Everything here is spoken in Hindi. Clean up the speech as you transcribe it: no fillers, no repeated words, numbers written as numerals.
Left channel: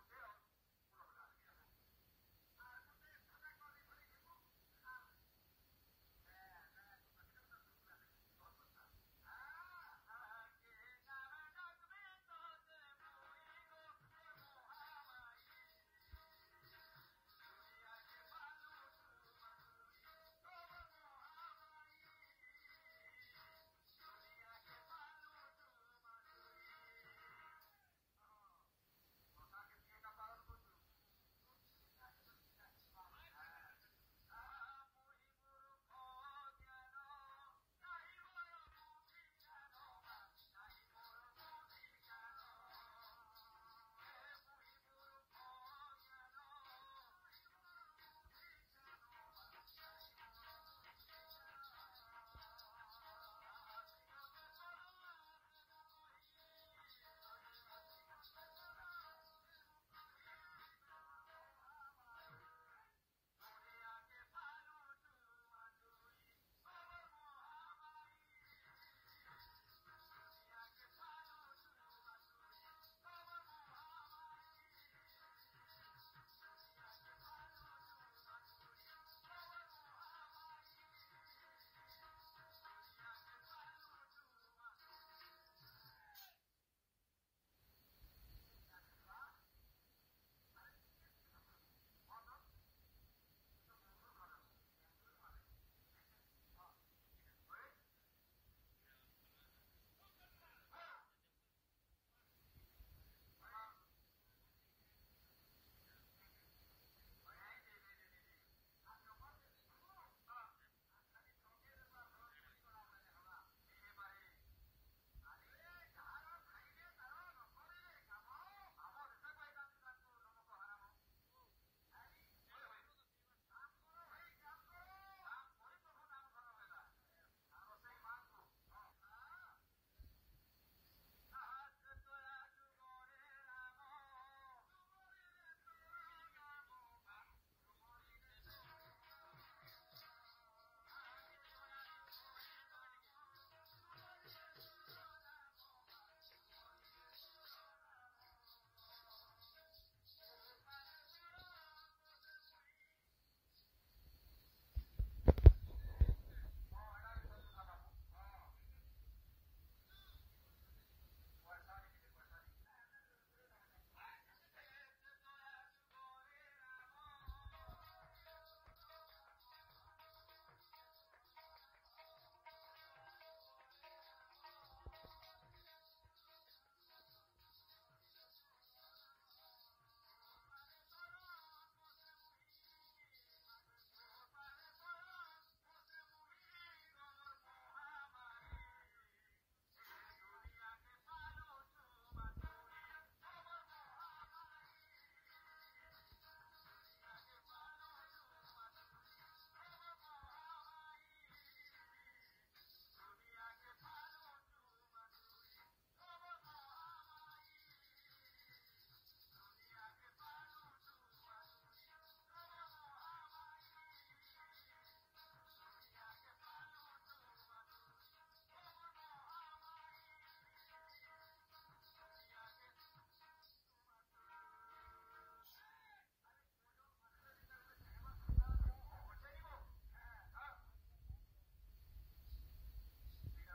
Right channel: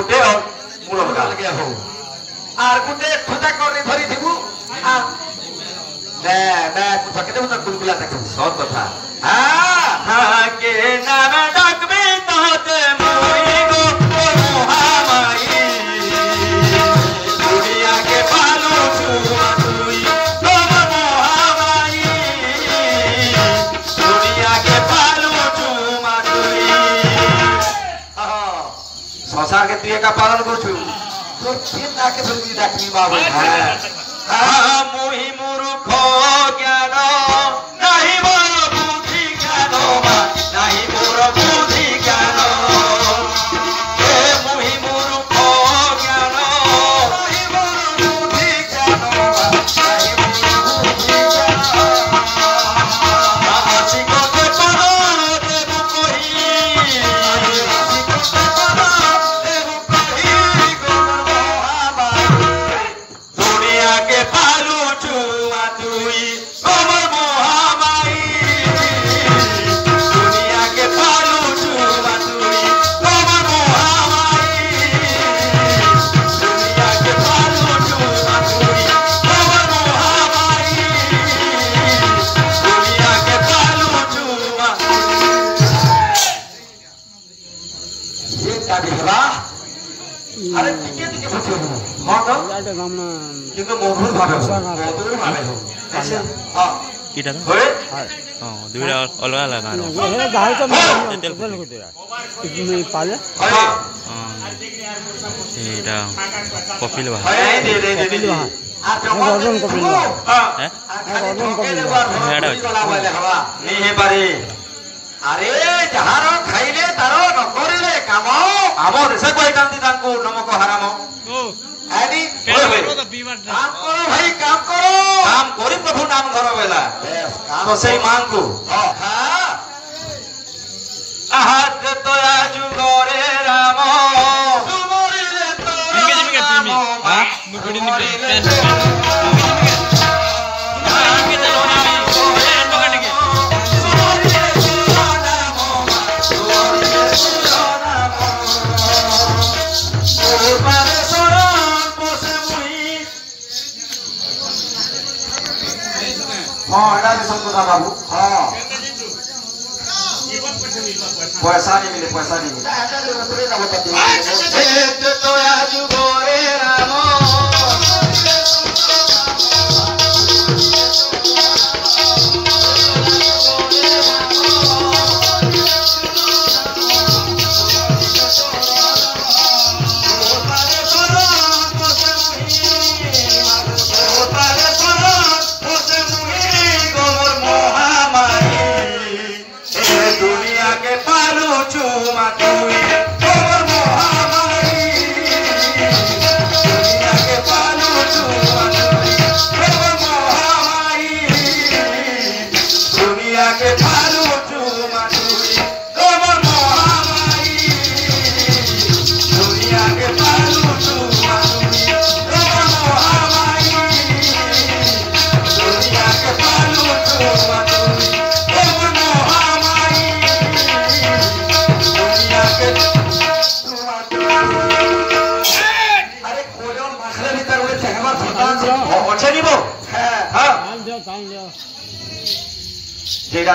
गुटे और मूल लगे हो आर गुटे खुदा करने धरी थिबु आ ना कुछ के तो कुलकुला तक सब कथा हां के नाम डाकबे तोते मोई गो मोहामाई दुनिया के पालू छुआ तुई तो मोहामाई दुनिया के पालू छुआ तुई संसार के तुई का पालन करछु तो फिर आके फिर डाकनी बाबू हां मोहि मूर्ख ज्ञान नहीं मोर बुद्धि ज्ञान नहीं मोर बुद्धि ज्ञान हे मोहि मूर्ख ज्ञान नहीं मोर बुद्धि ज्ञान नहीं मोर बुद्धि ज्ञान आसी को ते करो देबु कहि आसी को ते करो देबु कहि गोर मोहाबाई दुनिया के पालू छुआ तुई गोबर मोहाबाई दुनिया के पालू छुआ तुई गोबर मोहाबाई दुनिया के पालू छुआ तुई गोबर मोहाबाई दुनिया के पालू छुआ ये क्या दिखला अरे टिके टिके पूछो हां तो याटे गामना কিন্তু মধুর ভাবে মধুর ভাবে আচ্ছা হ্যাঁ কিটা তো হয়ে দুইটা অলগা লাগা না हे गाय तो तेल को दे कितने पाले হ্যাঁ এটা কপিল ভাই হ্যাঁ দে দে দে দে আর গর্জন কপিল হ্যাঁ হ্যাঁ গর্জন কপিল গলা বলে হওয়া নিহে পারে আরে যাহার খাইলে তার নকরিলে কাম আমর সে কই কান্তি তাঙ্কু নমক হারাম ও আদি काम करो भाई काम करो काम करी प्रभु नाम धर बेला काम तो सही मांग को हां आहत तो आजु गोरे राम तुमरे तो इंगे तिमी हां मुकुडी निके हाँ एडा भी सब কথা बाबू हाँ पैसा नहीं मिले तो आज गोरे राम जेड़ा